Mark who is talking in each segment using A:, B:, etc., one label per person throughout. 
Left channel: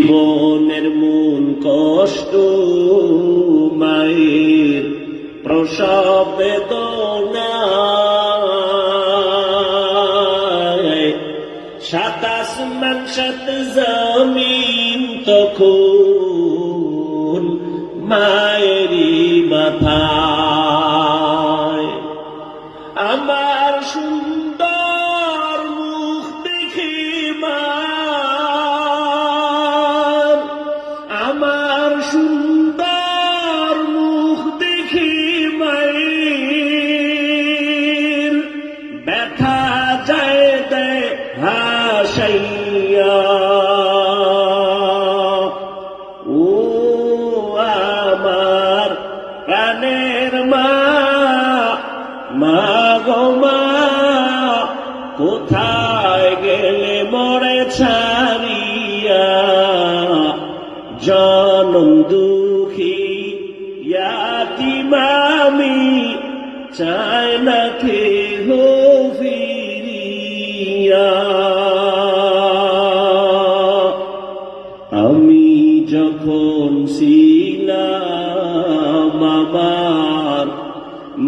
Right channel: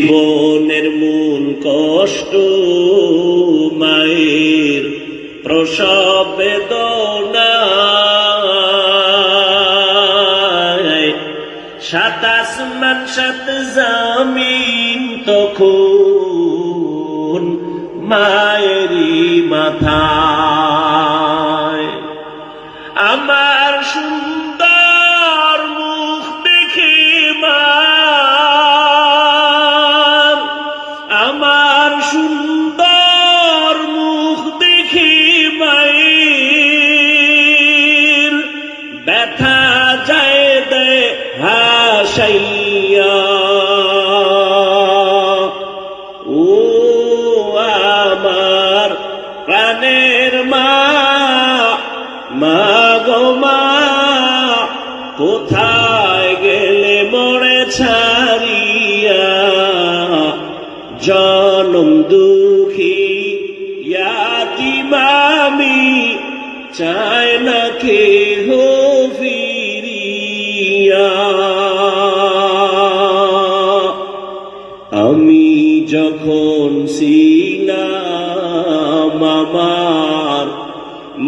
A: জীবনের মূল কষ্ট মায়ের প্রসব বেদনায় সাত সাত জমিন তখন মায়েরই মাথায়। আমার সুন্দর ব্যথা যায় দে হাসাইয়া। ও আমার প্রাণের মা মা গো মা, কোথায় গেলে মরে ছাড়িয়া? জনম দুঃখী ইয়াতি মামি চায় না কে হো ফিরিয়া আমি যখন ছিলাম আমার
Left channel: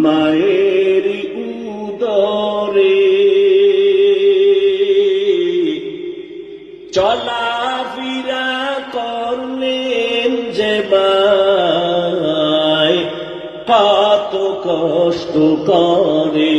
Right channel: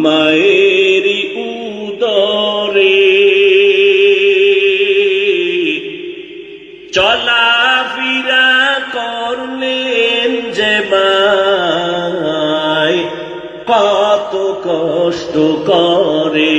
A: মায়ের উদরে চলাফেরা করলেন যে কত কষ্ট করে।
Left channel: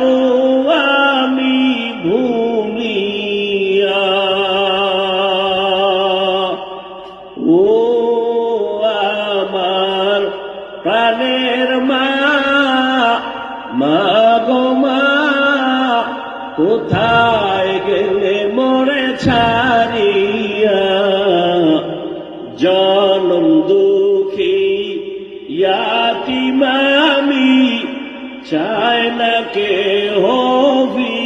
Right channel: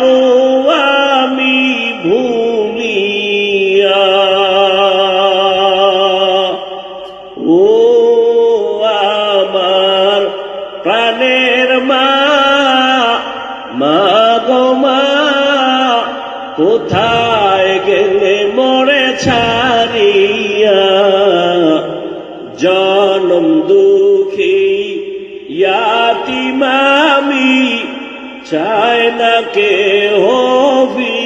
A: আমি ভূমিয়া। ও আমার প্রাণের মা মা গো মা, কোথায় গেলে মরে ছাড়িয়া? জনম দুঃখী ইয়াতি মামি চায় না কে হবি